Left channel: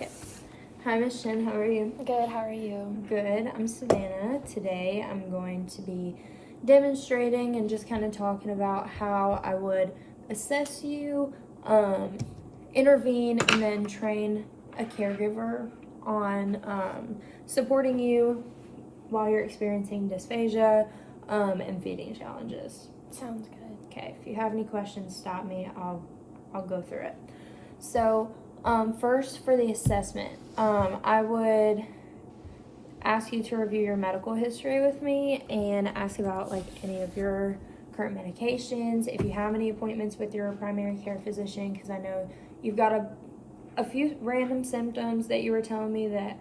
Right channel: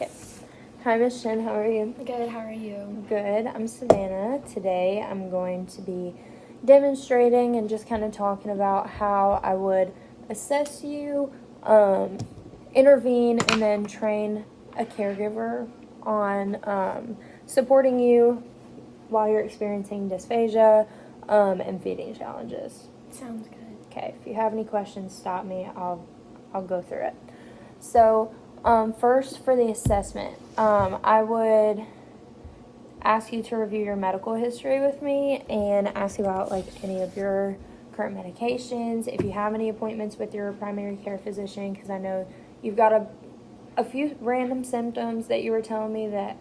Okay. Hi, Miss Shin. How are you? Good, how are you? Good. I'm Savannah. Today I'm going to be demonstrating and just kind of talking about how I would assess you, intervene, and then train a caregiver on supporting you while you're experiencing dysphagia and feeding challenges. Sounds good. Okay, if you have any questions, stop me. I'll go through it. So, first for the assessment, I would ask you to review your medical history with me and ask about like any of your current medications, if you have any appointments with your primary care physician, because I know you've got a few random symptoms that you were telling me that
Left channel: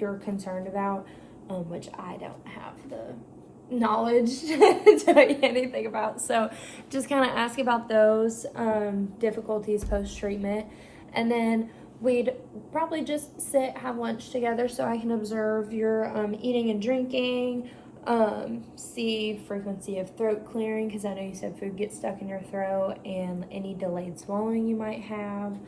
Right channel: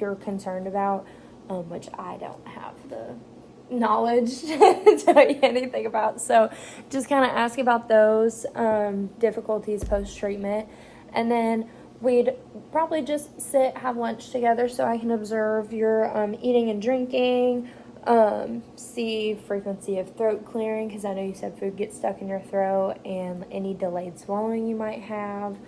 you're concerned about, which I don't have the knowledge to tell you anything about. So just kind of ask about those difficulties post-treatment. And then we'd probably just sit, have lunch together so I can observe your eating and drinking, see frequency of throat clearing, because I know you said food gets stuck in your throat, and any delayed swallowing you might have.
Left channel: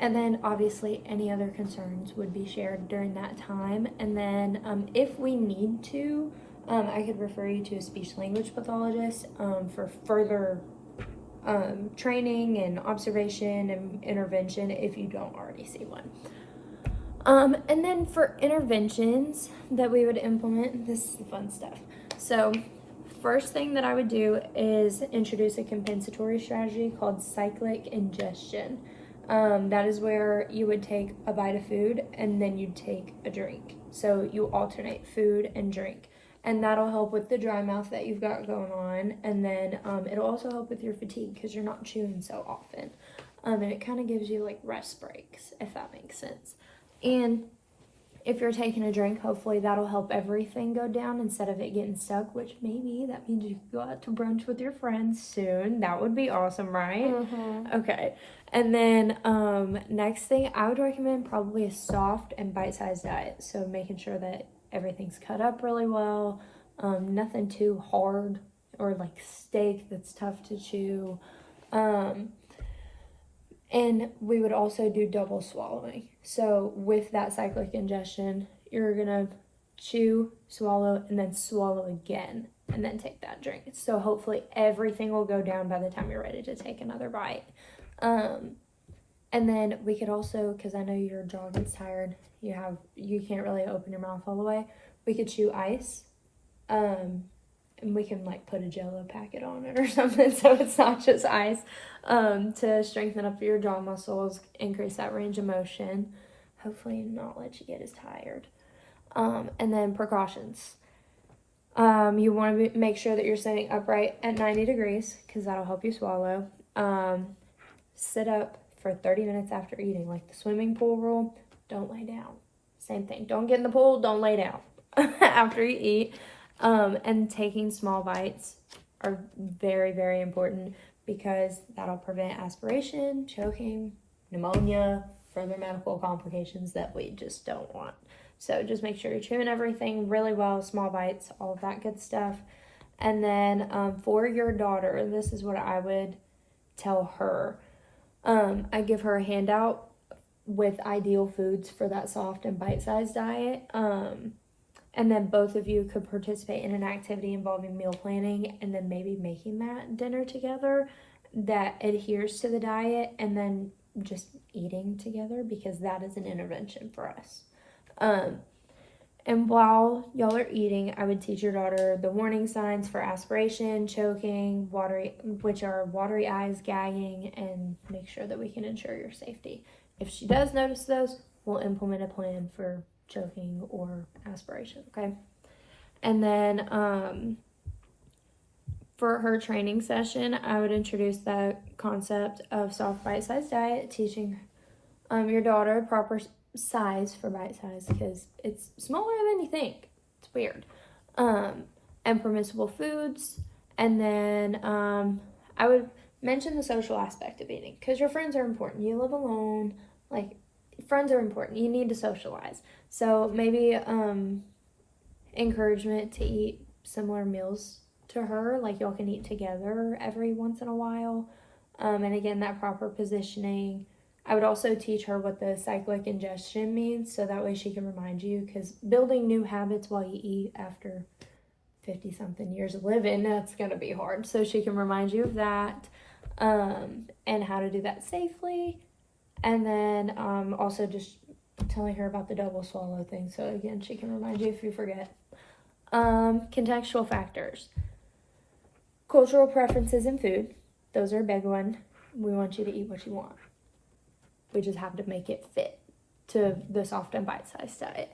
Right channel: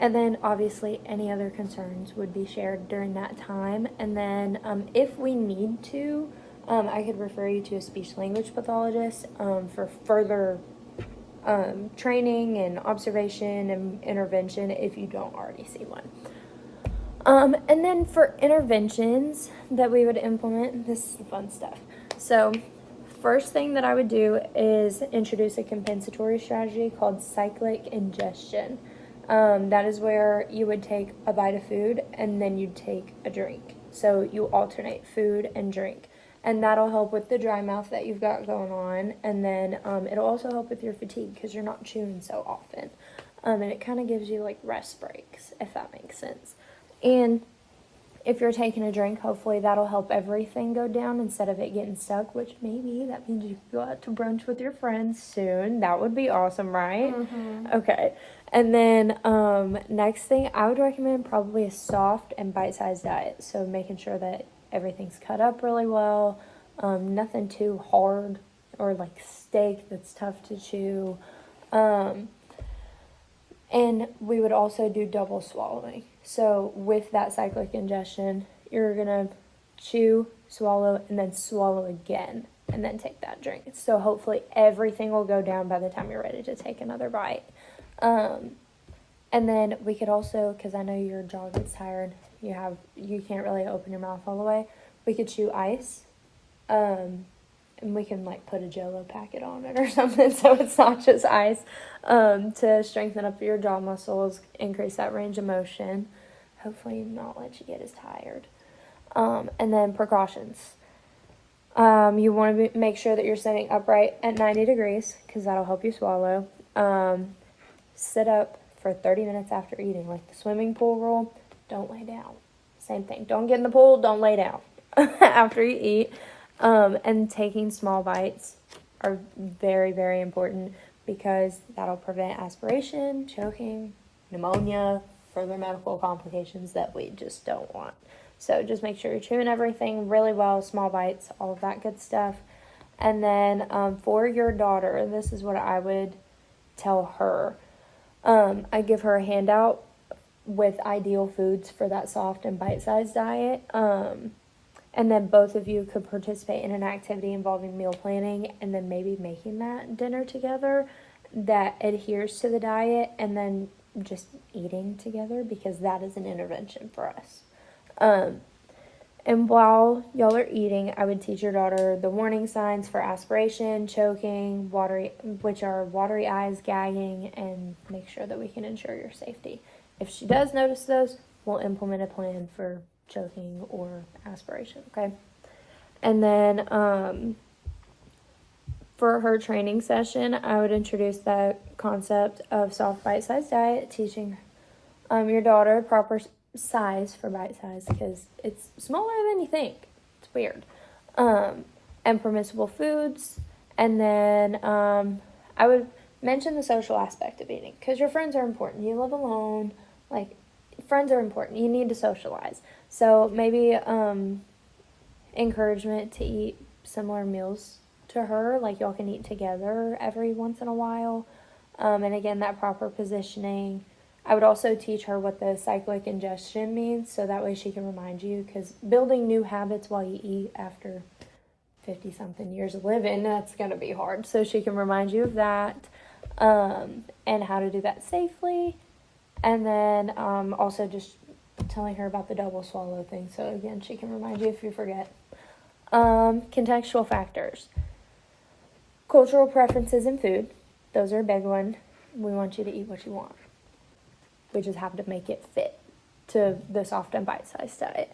And then obviously any other concerns would be shared during that time. And then if we need to, I could refer you to a speech language pathologist for further training and observation and intervention if you don't already see one. And then for interventions that we would implement, this is the fun stuff. So first thing that I would do is introduce a compensatory strategy called cyclic ingestion. That is where you would take a bite of food and then you'd take a drink. So you alternate food and drink. And that'll help with the dry mouth that you've got going on. And then it'll also help with your fatigue because you're not chewing so often. And it kind of gives you like rest breaks, if that makes sense. And if you're taking a drink, hopefully that'll help everything go down instead of it getting stuck, which maybe that means you can go out to brunch with your friends soon. That would be awesome, right? Mm-hmm. Okay. And then next thing, I would recommend probably a soft and bite-sized diet. So making sure that everything's cut up really well, nothing too hard or like steak that's tough to chew. And we would also do double swallowing. So with that cyclic ingestion, you're going to chew, swallow, and then swallow again, and then take that drink. So hopefully everything will go down by the time you're ready to take another bite. And then we could also, because I know your jaw gets tired, you can't really open your mouth all the way, we could chew ice. And we can like put a Jell-O packet on it or something so it's not just ice, to strengthen up your jaw muscles, increase that range of motion, hopefully not let you get as tired. And then precautions. You want to make sure that you're staying upright at 90 degrees because that'll help you swallow. Sit up for 30 minutes after eating, like the swimming pool rule. Don't lay down. Same thing. Don't get in the pool, don't lay down after you eat. And taking small bites are very, very important because that'll prevent aspiration, choking, pneumonia, further medical complications that we just don't want. So just make sure you're chewing everything really well, small bites, all of that good stuff. And then for your daughter, this is what I would tell her. I give her a handout with ideal foods for that soft and bite-sized diet. And then both of you could participate in an activity involving meal planning and then maybe making that dinner together that adheres to the diet and then just eating together because that is an intervention for us. And while y'all are eating, I would teach your daughter the warning signs for aspiration, choking, which are watery eyes, gagging, and make sure that we can ensure your safety. If she does notice those, we'll implement a plan for choking or aspiration, okay? And then for her training session, I would introduce that concept of soft bite-sized diet, teaching your daughter proper size for bite-size because it's smaller than you think. It's weird. And permissible foods. And then I would mention the social aspect of eating because your friends are important. You live alone, like friends are important. You need to socialize. So maybe encouragement to eat similar meals to her, like y'all can eat together every once in a while. And again, that proper positioning. I would also teach her what the cyclic ingestion means, so that way she can remind you, because building new habits while you eat after 50 something years of living, that's going to be hard. So she can remind you of that, and how to do that safely. And then also just telling her about the double swallow thing, so again, she can remind you if you forget. Contextual factors. Cultural preferences in food. Those are a big one. We want you to eat what you want. We just have to make it fit to the soft and bite-sized diet.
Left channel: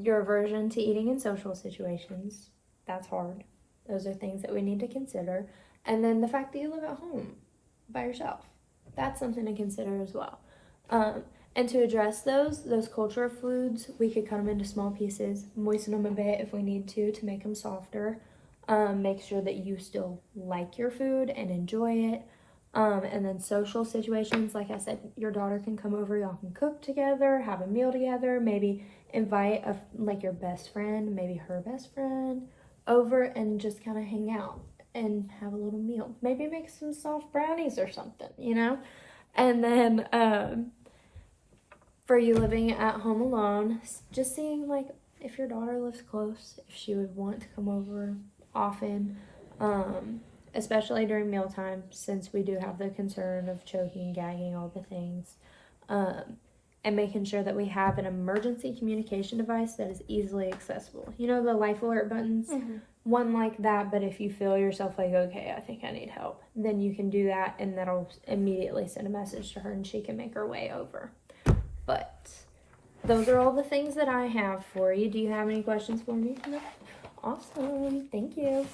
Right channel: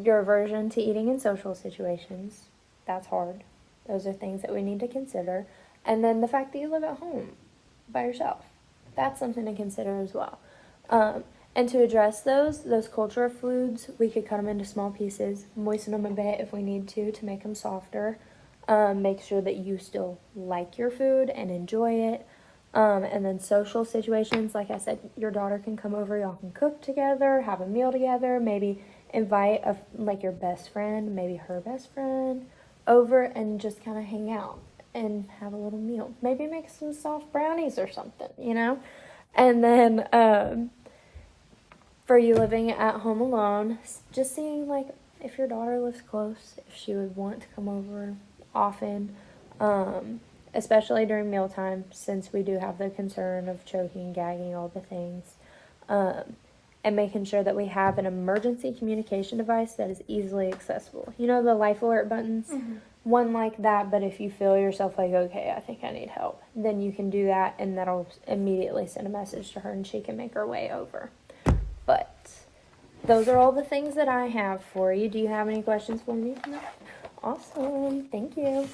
Your aversion to eating in social situations. That's hard. Those are things that we need to consider. And then the fact that you live at home by yourself. That's something to consider as well. And to address those cultural foods, we could cut them into small pieces, moisten them a bit if we need to make them softer. Make sure that you still like your food and enjoy it. And then social situations, like I said, your daughter can come over, y'all can cook together, have a meal together, maybe invite your best friend, maybe her best friend, over and just kind of hang out and have a little meal. Maybe make some soft brownies or something, And then for you living at home alone, just seeing if your daughter lives close, if she would want to come over often, especially during mealtime, since we do have the concern of choking, gagging, all the things, and making sure that we have an emergency communication device that is easily accessible. The life alert buttons? Mm-hmm. One like that, but if you feel yourself okay, I think I need help, then you can do that, and that'll immediately send a message to her, and she can make her way over. But those are all the things that I have for you. Do you have any questions for me? No? Awesome. Thank you.